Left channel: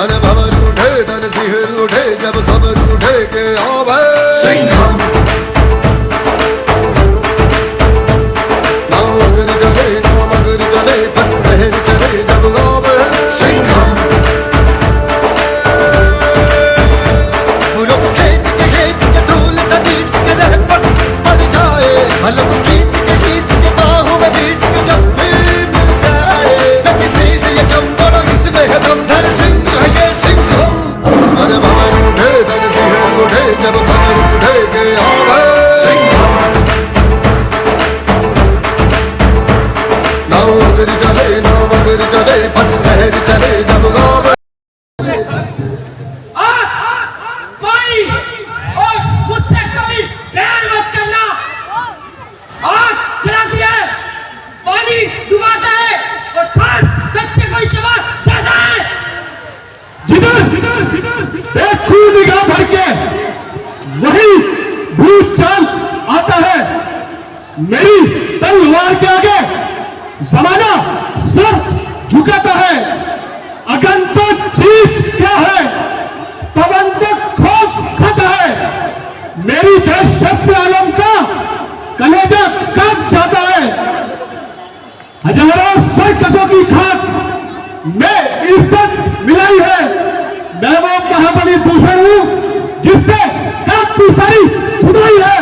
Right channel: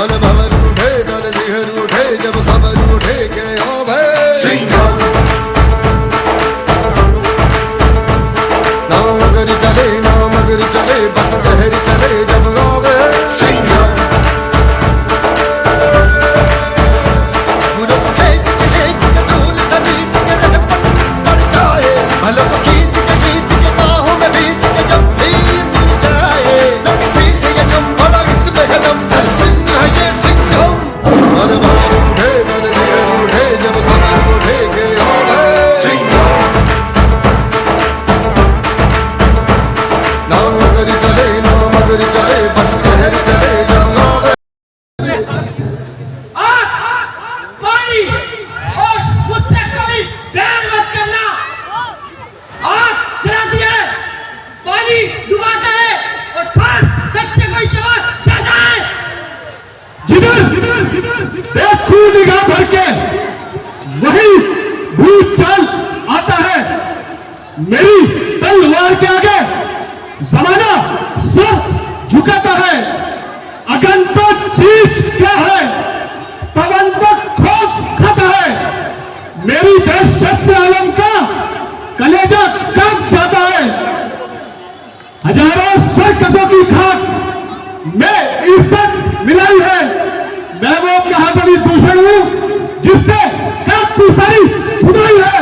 मन भवन उठे तन सिहर उठे जब खबर उठे के आओ भाई सिंघम नाव अगर चले बस लहर चले जब आओ भाई सिंघम पूरा खींच के धूल नीच के रह पड़ जाए भला खींच के बाहों में बीच के जब फिर मिल जाए न किसी से ये कम बड़ा इसमें है दम धर सिंह है ये सिंघम मन भवन उठे तन सिहर उठे जब खबर उठे के आओ भाई सिंघम नाव अगर चले बस लहर चले जब आओ भाई पानी और मुझसे कभी प्यार मत करना। आग जलाती है, पानी डुबाता है और खान कच्चे को ही चबा जाता है। जिधर एक खून निगाह भर के वही भूत चाल आता है। मेरी तलवार के आगे जमाना सर झुकाता है। अगन तो चीज क्या है, पवन तो खौफ खाता है। मेरी दहशत से आलम का कलेजा कांप जाता है। हजारों सर्कसों की खाक में इज्जत मिलाई है। मैं वो महाबली दूषण हूं जिससे काफी सारी खुदाई है।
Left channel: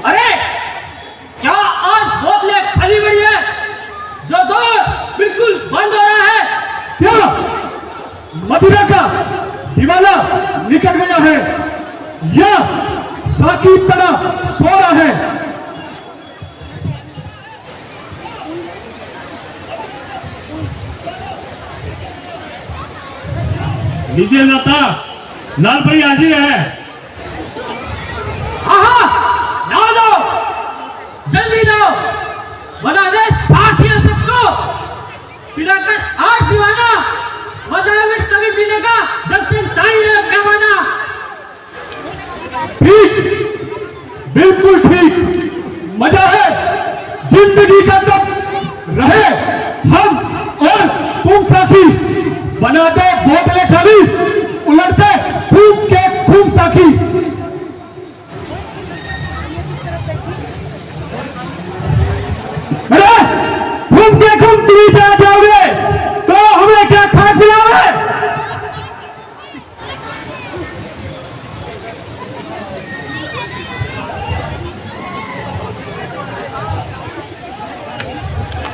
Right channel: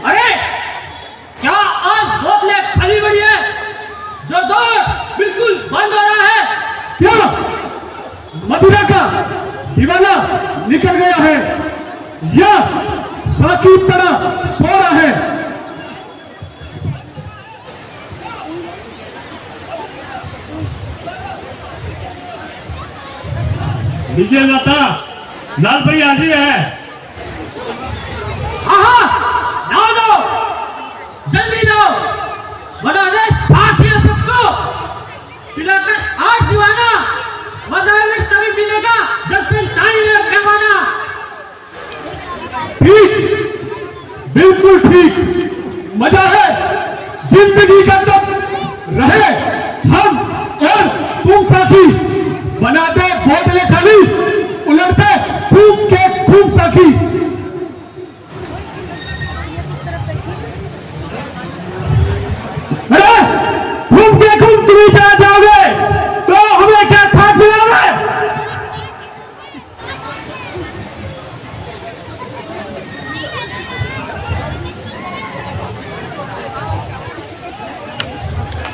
अरे क्या आज बोतलें खाली पड़ी है? जो दौर बिल्कुल बंद हो रहा है। क्या मदिरा का दीवाला निकल गया है या साकिब तरह सो रहा है? लीजिए माता, लाल भाई हाजिर है। हाँ नाव दो, जल्दी नाव बना दे साथिया सबको। पिलाकर आज दीवाना, मजा है तभी पीने का जब चिंता ही रहे पैमाना। ठीक, बिल्कुल ठीक। मजा है जिंदगी का तब रहे हम और तुम साथी। बनाते बोतलें खाली, उलटते खूब के खूब साथी। अरे घूम के घूम तुम चला जाओगे तो हमें क्या खा खिलाओगे?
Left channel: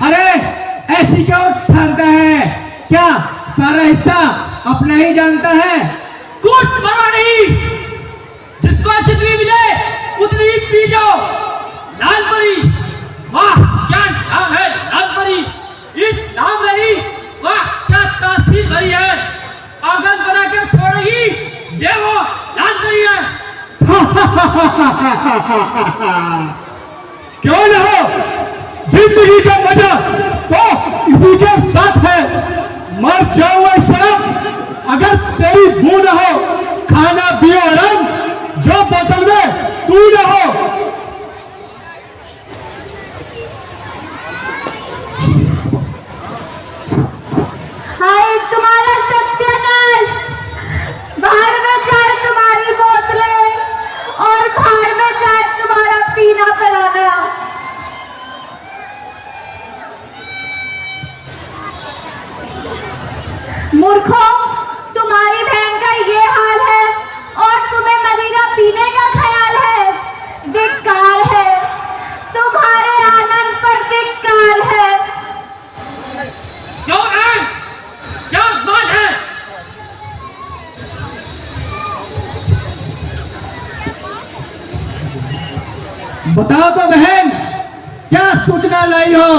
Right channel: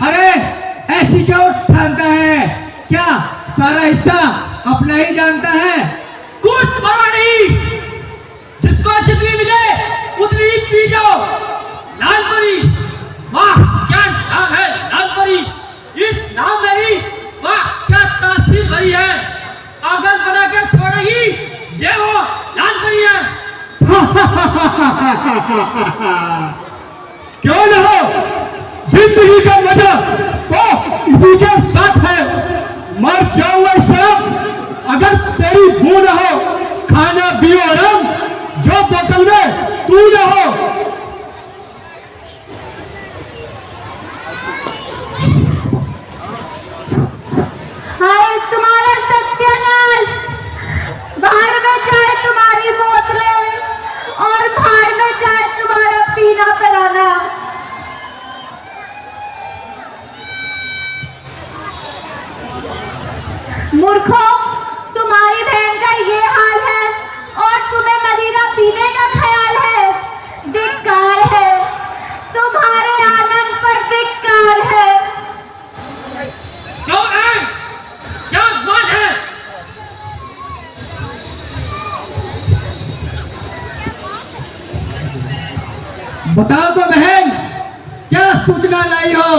अरे ऐसी क्यों ठानता है? क्या सारा हिस्सा अपना ही जानता है? कुछ परवाह नहीं, जिसको जितनी मिले उतनी ही पी जाओ। लालपरी, वाह क्या नाम है लालपरी। इस नाम में ही वाह क्या तासीर भरी है। पागल बनाकर छोड़ेगी ये वो लालपरी है। क्यों न हो, जिंदगी का मजा तो इसी के साथ है। मर जाओ शराब अगर तेरी बू न हो, खाना पियो आराम जो बोतल में तू न हो। हाय तुम्हारा सत्यानाश। बाहर में चाहे तुम्हारी बोतलें और बाहर में चाहे तुम्हारा पीना पिलाना। मूर्खों, तुम्हारी बहन का ये हाल है और तुम्हें मदिरा पीने का ख्याल है। धिक्कार है, तुम्हारे आनंद पर धिक्कार है। क्यों है? क्या बात है? बताओ तो बहन, क्या सूचना लाई हो?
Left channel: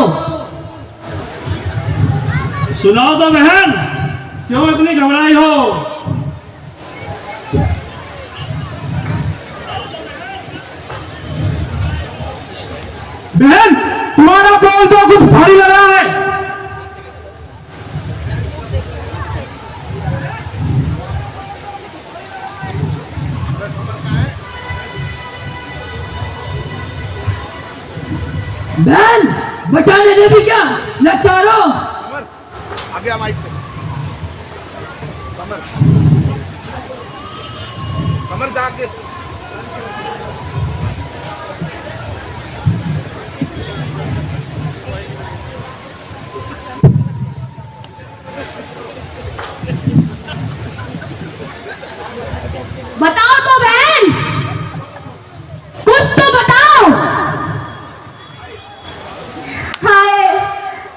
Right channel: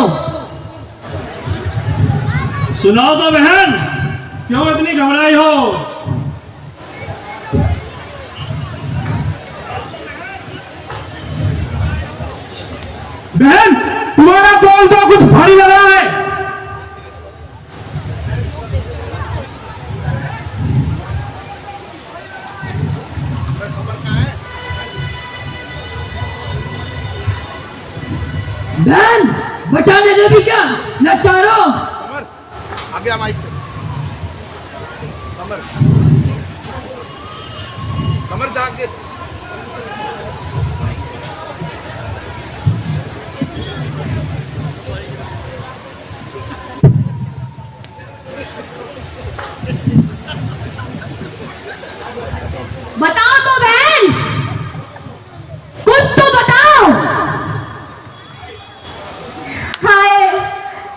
सुनाओ तो बहन, क्यों इतनी घबराई हो? बहन, तुम्हारा बोल तो कुछ भारी लग रहा है। बहन बचाने देवी क्या या चारों? बताओ तो बहन, कुछ तो बताओ। हाय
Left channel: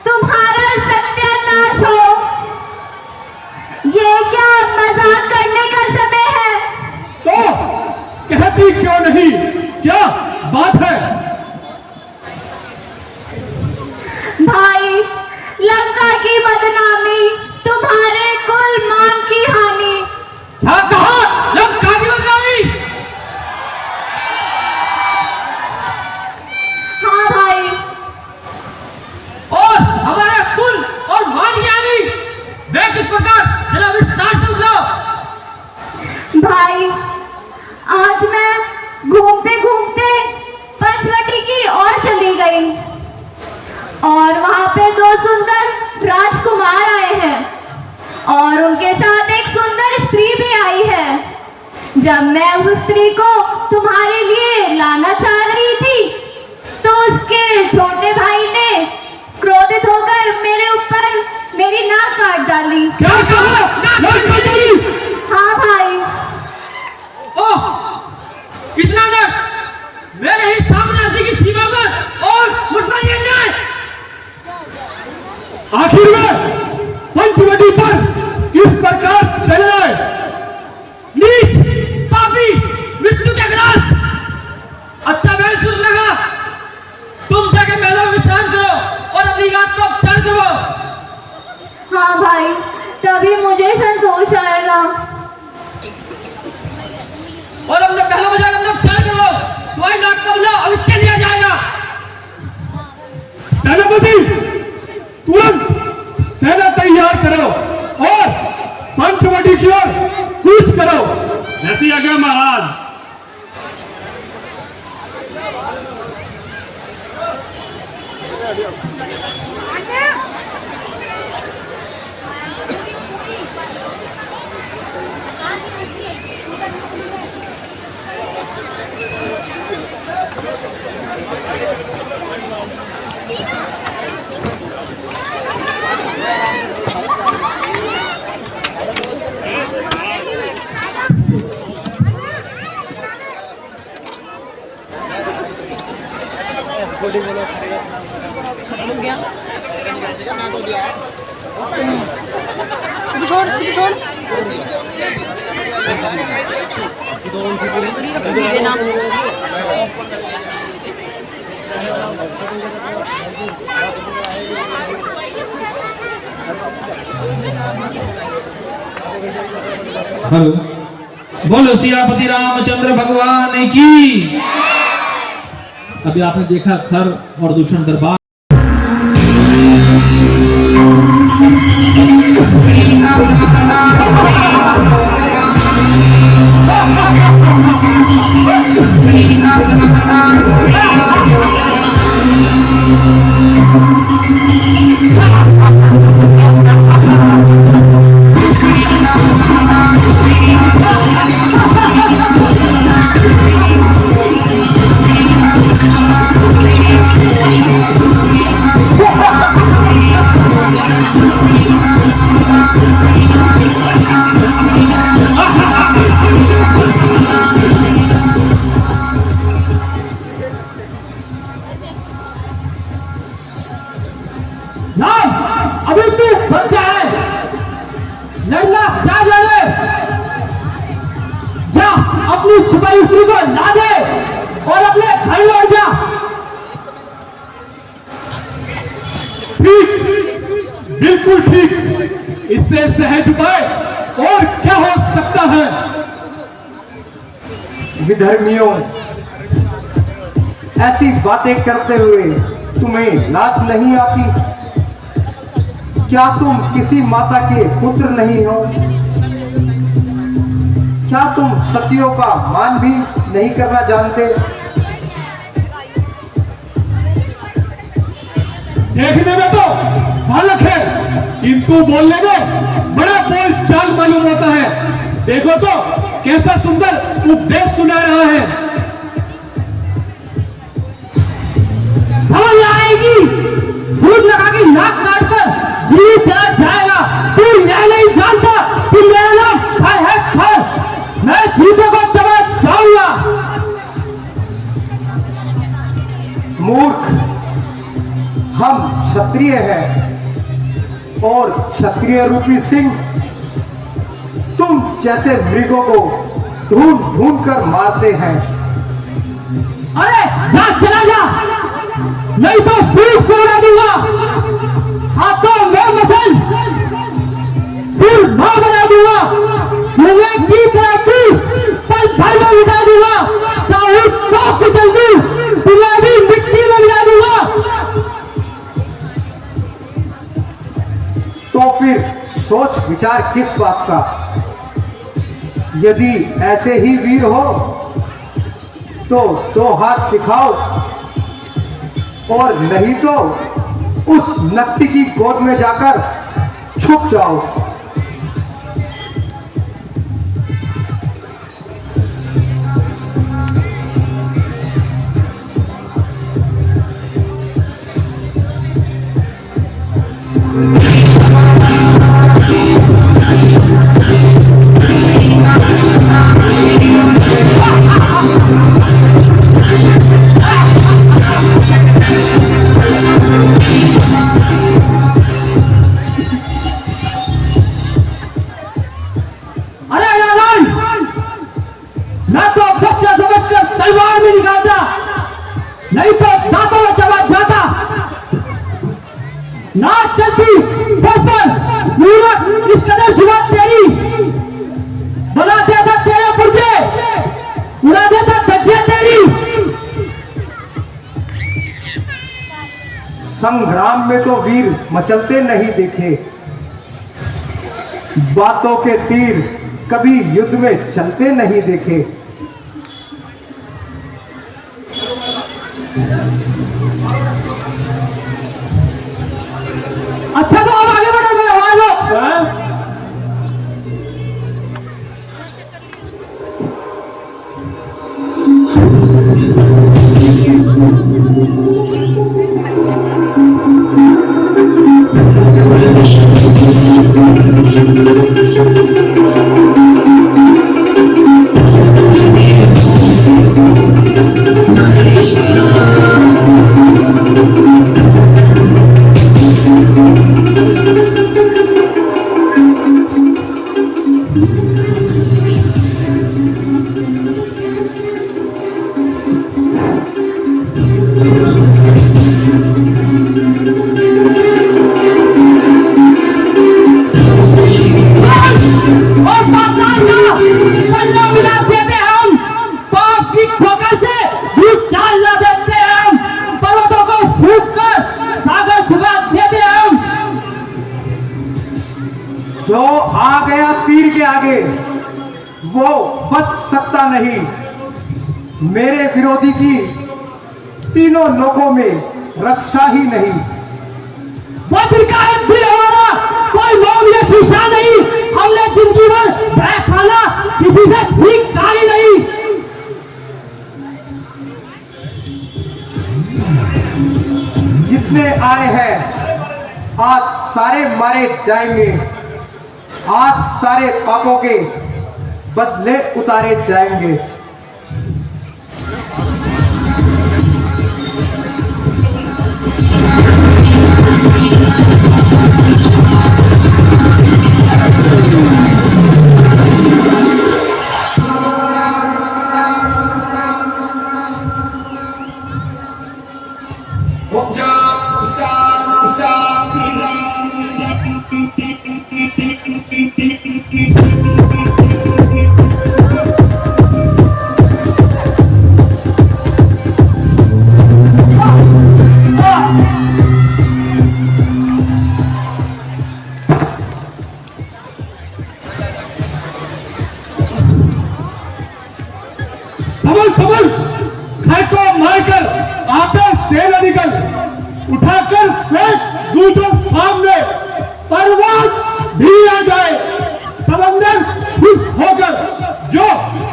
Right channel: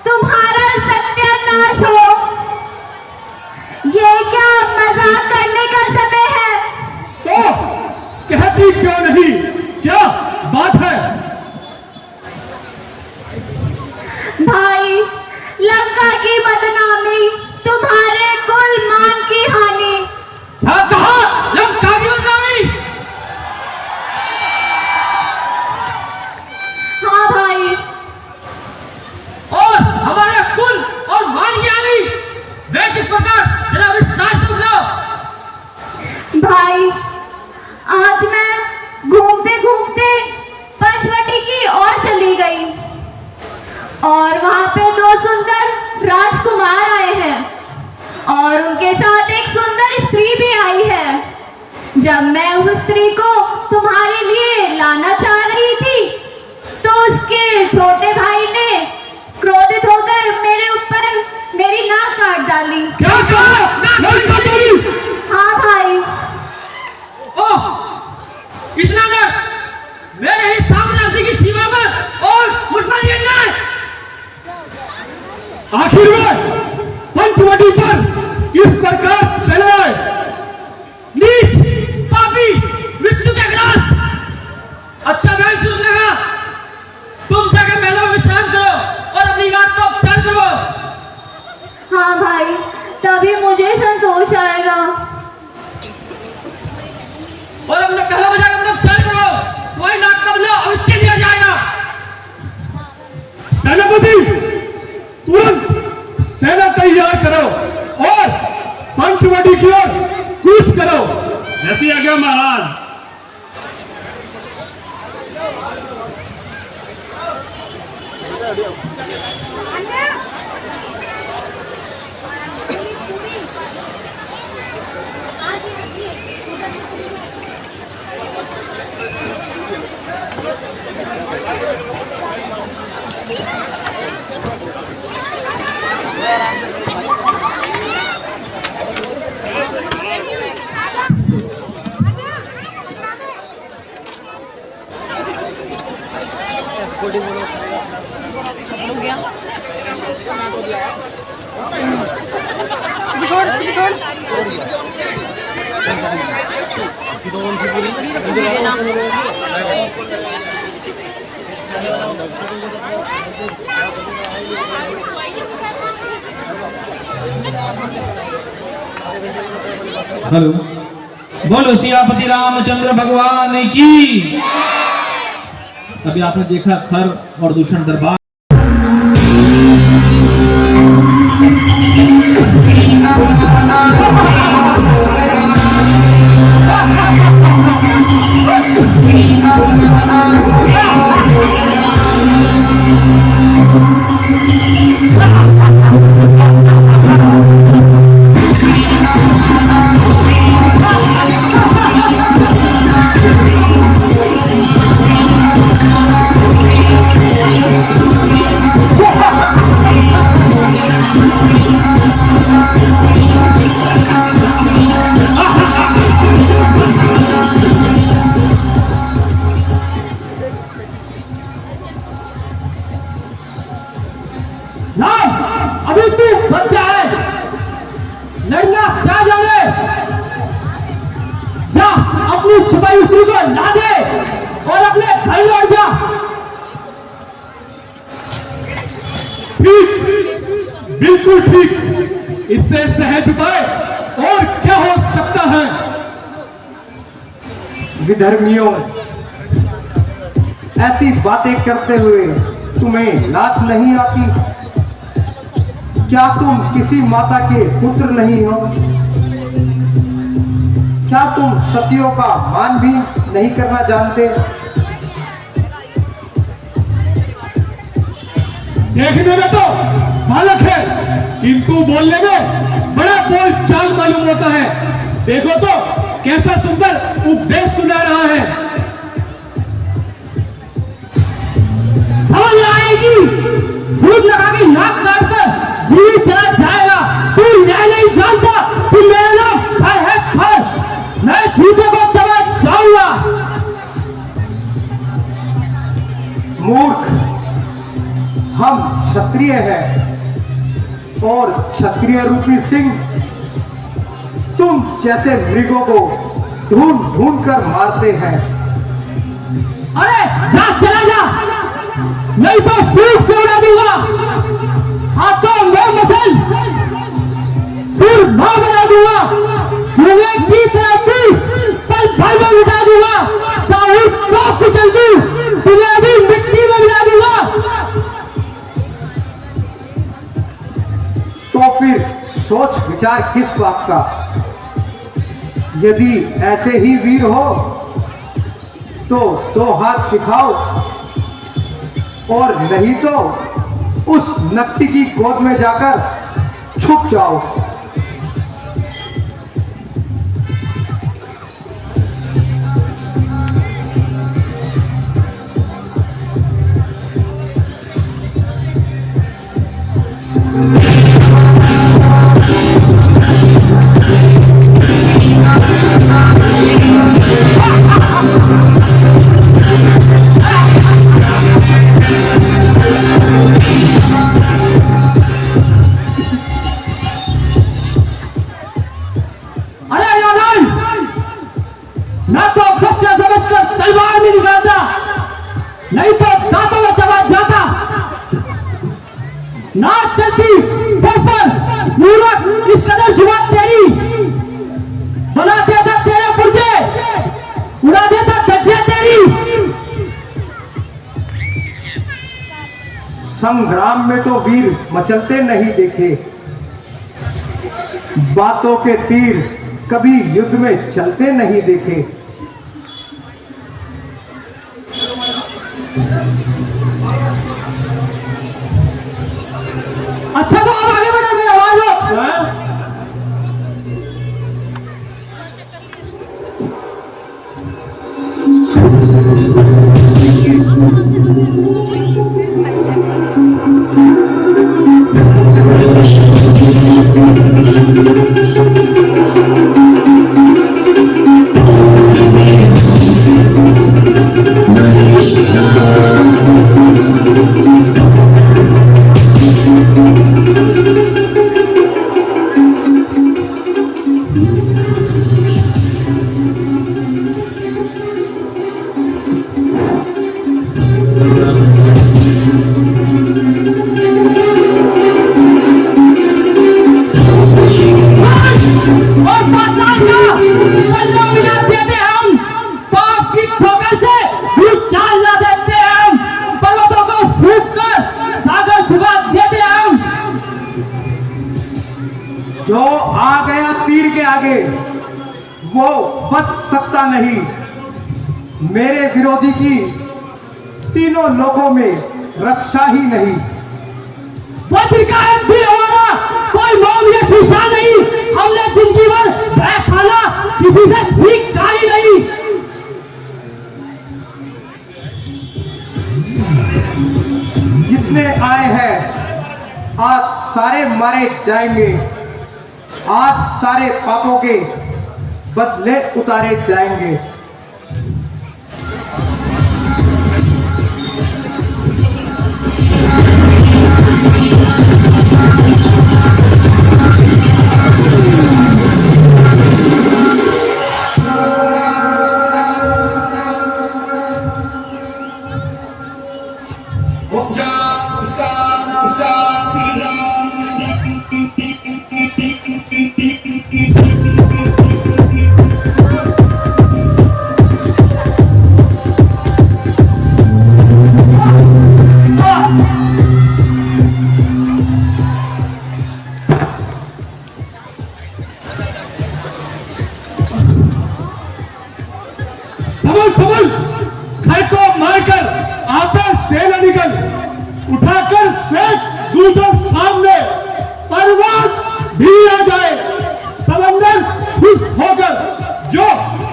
तुम्हारा सत्यानाश हो, ये क्या मजाक करने का समय है? तो कहती क्यों नहीं, क्या बात है? भाई लंका की बदनामी, तुम्हारे कुल मान की हानि। क्या कहा? लंका की बदनामी? हाँ भाई, और हमारे कुल और मान की हानि वे किस प्रकार, जरा विस्तार से बताओ। भाई आज मैं घूमते घूमते पंचवटी की ओर चली गई और वहां पे दो सुंदर राजकुमार आए हैं और उनके साथ एक सुंदर स्त्री भी आई है। जब मैं उस स्त्री को तुम्हारे लिए लाना चाह रही थी तो उसके छोटे भाई ने क्रोधित होकर मेरे ऊपर मेरी नाक काट डाली। क्या कहा? नहीं करी। हाँ भाई, ओह, इतना डर मेरे ही साम्राज्य की सीमा पर और मुझ पर ये अन्याय। आखिर में पंचवटी पर किस प्रकार चले आए? नीच, पापी, मृत्यु के ग्रास। अच्छा बहन सुन लगा, तुम जाके महलों में विश्राम करो और अपनी बात को उपचार करो। हाँ भाई, तभी मुझे संतोष आएगा। और अपने महलों में जाकर अपना उपचार करो, तुम्हारी नाक का बदला अवश्य लिया जाएगा। सेनापति तुरंत सेना तैयार करो और पंचवटी की ओर कूच करो। जैसी आज्ञा महाराज। हेलो, बोलो सियापति रामचंद्र भगवान की। अभी आपने देखा खर और दूषण दरबार। अभी तू बच्चा है, लड़ना क्या जाने। जा अपनी छुपाई स्त्री को ला दे और अपने घर लौट जा। ठीक, बिल्कुल ठीक। इससे सहज उपाय और क्या हो सकता है? विधर्मियों, ऐसी बातें करते हुए तुम्हें लाज नहीं आती? क्या तुम किसी माता के पुत्र नहीं हो? क्या तुम सतियों का मान भी नहीं करना जानते? देखने में तो बालक है, इनको बोलने में बड़ा बोल चाल मालूम होता है। देखो तो कैसा सुंदर उपदेश सुना रहा है। समझ आएगी, सूद लगा के नाक काट कर जीवित चला जाएगा। तू यह नहीं जानता कि मेरा नाम खर है, खर। मैं जीते को चला जाऊंगा। मूर्ख, हम क्षत्रिय हैं और क्षत्रिय रूपी सिंह तुम जैसे मृगों को ढूंढ ढूंढ कर मारते हैं। अरे जा, चला जा, नहीं तो फूट से उड़ा दूंगा। हाथों में मसल सिर मां बना दूंगा। मुझे की तरह 20 पल भर में मिटा दूंगा। चाहे तो कुचल दूं, तुझे भी मिट्टी में मिला दूंगा। तो फिर सोच विचार किस बात का? यदि ऐसे ही वीर हो तो 2 हाथ दिखाओ, और नहीं तो उस नक्ति की गोद में जाकर छुप जाओ। अरे नारायण, मैं तो बच्चा समझकर तलवार में निकालता, नहीं तो दांतों में चला जाता। ना चलती बफर मूर्ख, इस कदर जुबान तेरी बना देता तेरे पुर्जे, उड़ा देता धज्जियां तेरी। संग्राम में तो वीर मचलते नहीं देखे, बातों के तीर कभी युद्ध में चलते नहीं देखे। अच्छा तो अब आगे बढ़ो, मेरा आवाज हो। और बात पल्ला मिला देते हम, पाप की ठोकर से भी चाल ला देते हम, पर्वतों को फूंक कर सागर झुका देते हम। जो आ गया तीर के आगे वो बच सकता नहीं। मेरे विरोधी की तीनों लोकों में रक्षा ही नहीं। वज्र का एक दिल हमारा, कोई मौत या शीशा नहीं। हमने जिंदगी भर भय खाना, किसी से सीख खाई नहीं। जितने आए हैं आज सारे मारे जाएंगे, आज सारे पापों के बदले उतारे जाएंगे। समझ समझ, घर को मारकर आपस सेना निकल, उठाकर फेंक दूं तो सामने, पर्वत भी आ जाए, समंदर खुश होकर जो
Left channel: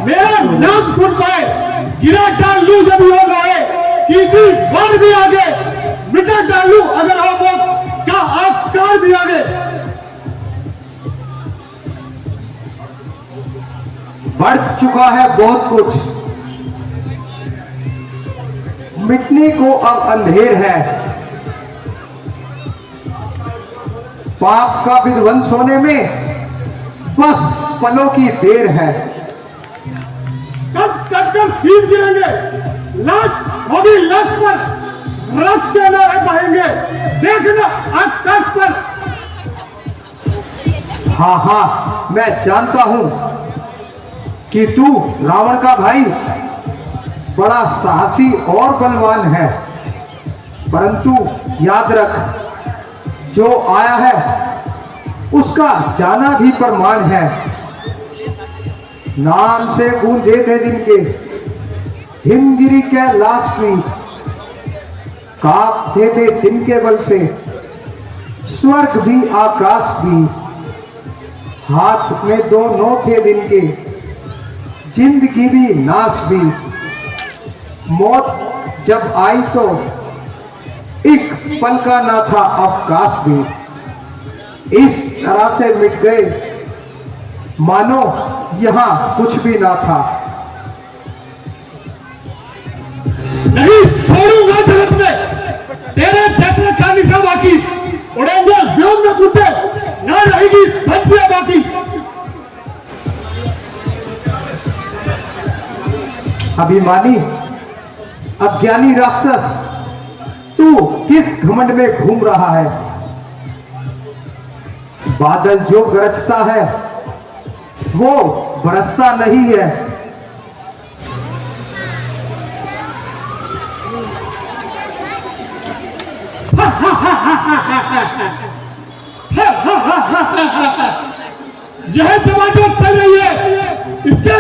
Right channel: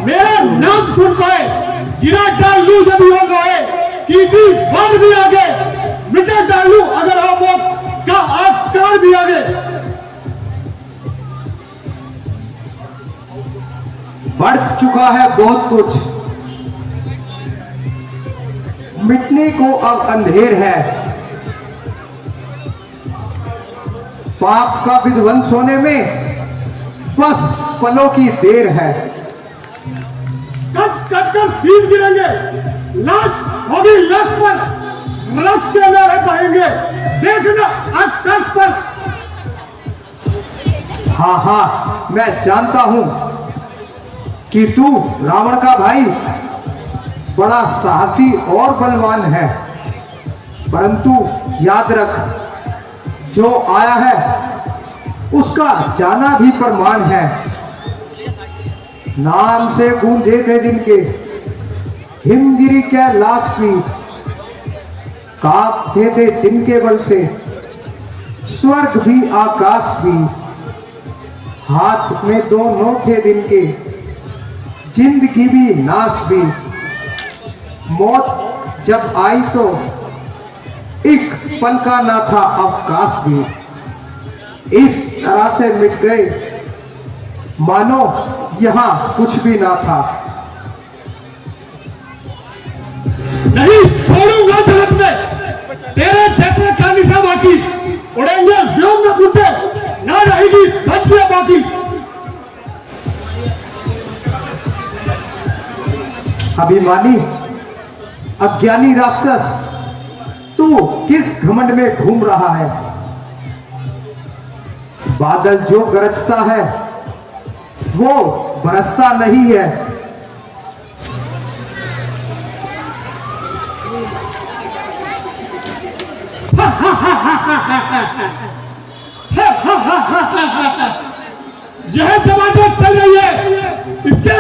मेरा नाम सुन पाए, गिरा डाल लूं जब योग होए, कीर्ति और भी आगे मिटा डालू अगर आप लोग का आकार भी आगे। बढ़ चुका है बहुत कुछ, मिटने को अब अंधेर है, पाप का विध्वंस होने में बस पलों की देर है। कट कट कर सीन गिरेंगे, लाश होगी लाश पर, रक्त के नारे बहेंगे, देखना आकाश पर। हाँ हाँ, मैं जानता हूं कि तू रावण का भाई बड़ा साहसी और बलवान है, परंतु याद रख, जो आया है उसका जाना भी प्रमाण है। नाम से गूंजे थे जिनके हिमगिरी कैलाश भी, कांपते थे जिनके बल से स्वर्ग भी आकाश भी, हाथ में दोनों थे दिन के जिंदगी भी नाश भी। मौत जब आई तो एक पल का ना था अवकाश भी, इस तरह से मिट गए मानो यहां कुछ भी ना था। नहीं छोड़ूंगा जगत में तेरे जैसे का निशा बाकी, उड़ेंगे व्योम में घुसे, ना रहेगी धरतियां बाकी। अभिमानी अज्ञानी राक्षस, तू किस घमंड में घूम रहा है? बादल जो गरजता है वो बरसता नहीं है। यह समाज चल रही है, इसके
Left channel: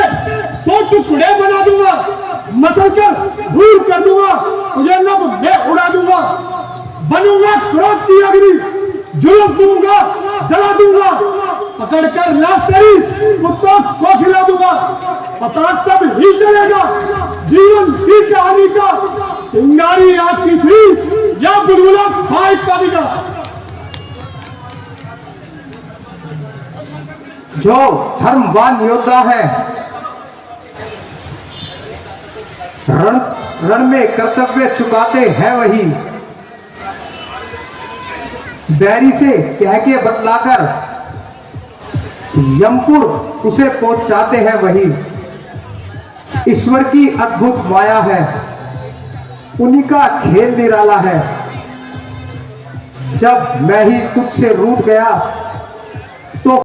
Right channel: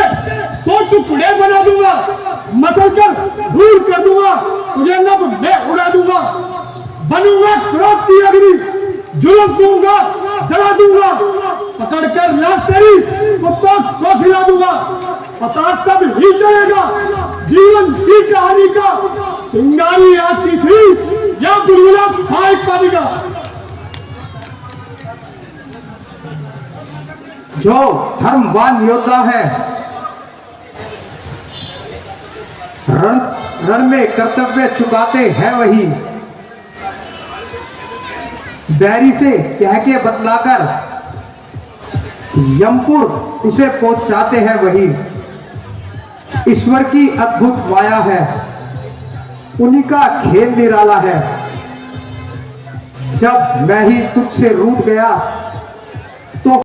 100 टुकड़े बना दूंगा, मसल कर दूर कर दूंगा, तुझे लब में उड़ा दूंगा, बनूंगा क्रोध की अग्नि, जुलूस दूंगा, जला दूंगा, पकड़कर लाश तेरी कुत्तों को खिला दूंगा। पता तब ही चलेगा जीवन की कहानी का, चिंगारी आती थी या बुलबुला फाइट पानी का। जो धर्मवान योद्धा है, रण में कर्तव्य चुकाते हैं वही, बैरी से कह के बतलाकर यमपुर उसे पहुंचाते हैं वही। ईश्वर की अद्भुत माया है, उन्हीं का खेल निराला है। जब मैं ही तुझसे रूठ गया तो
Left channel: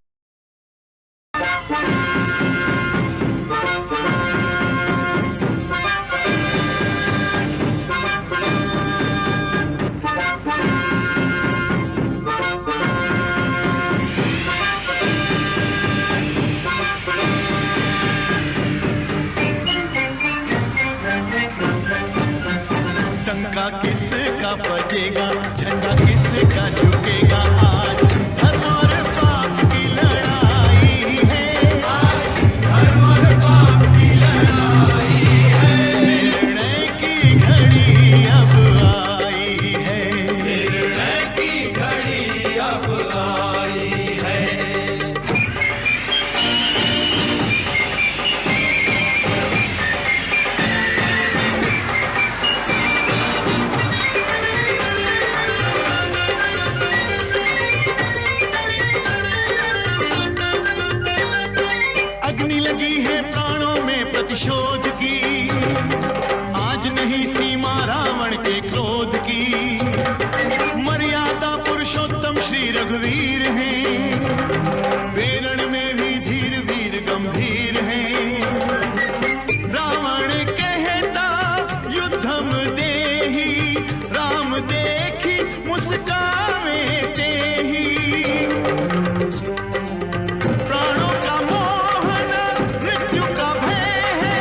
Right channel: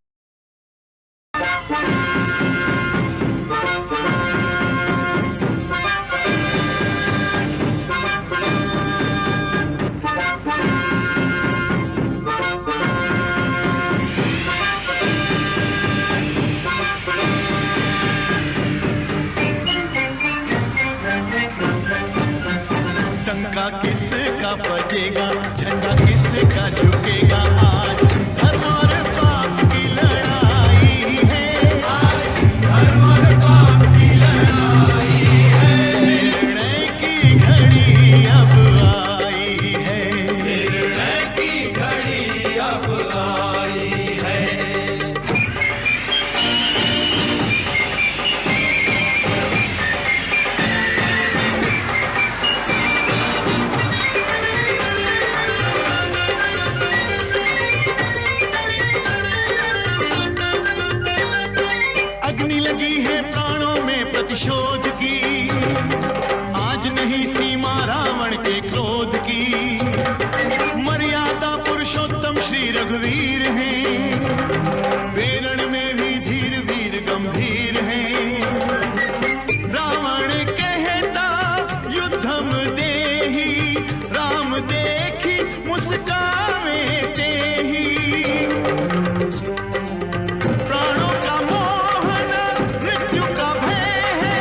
टंका किसका बजेगा, झंडा किसका झुकेगा, आज धर्म और पाप की लड़ाई है, आज धर्म और पाप की लड़ाई है। निर्णय की घड़ी अब आई है, निर्णय की घड़ी अब आई है। अग्नि लगी है प्राणों में प्रतिशोध की, आज नहीं सीमा रावण के क्रोध की। मर्यादा पुरुषोत्तम श्री रघुवीर हैं, वेरण में भी धीर वीर गंभीर हैं। रावण कहता युद्धम देहि, राम देखी मुस्कावे तेहि। प्राणों का मोहन मृत्यु का भय है,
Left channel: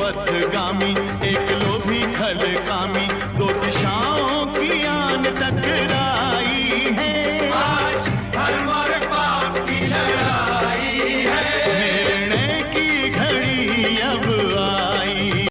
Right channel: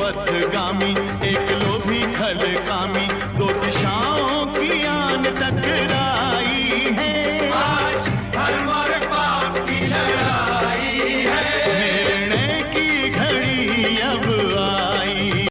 पथगामी एक लोभी खल कामी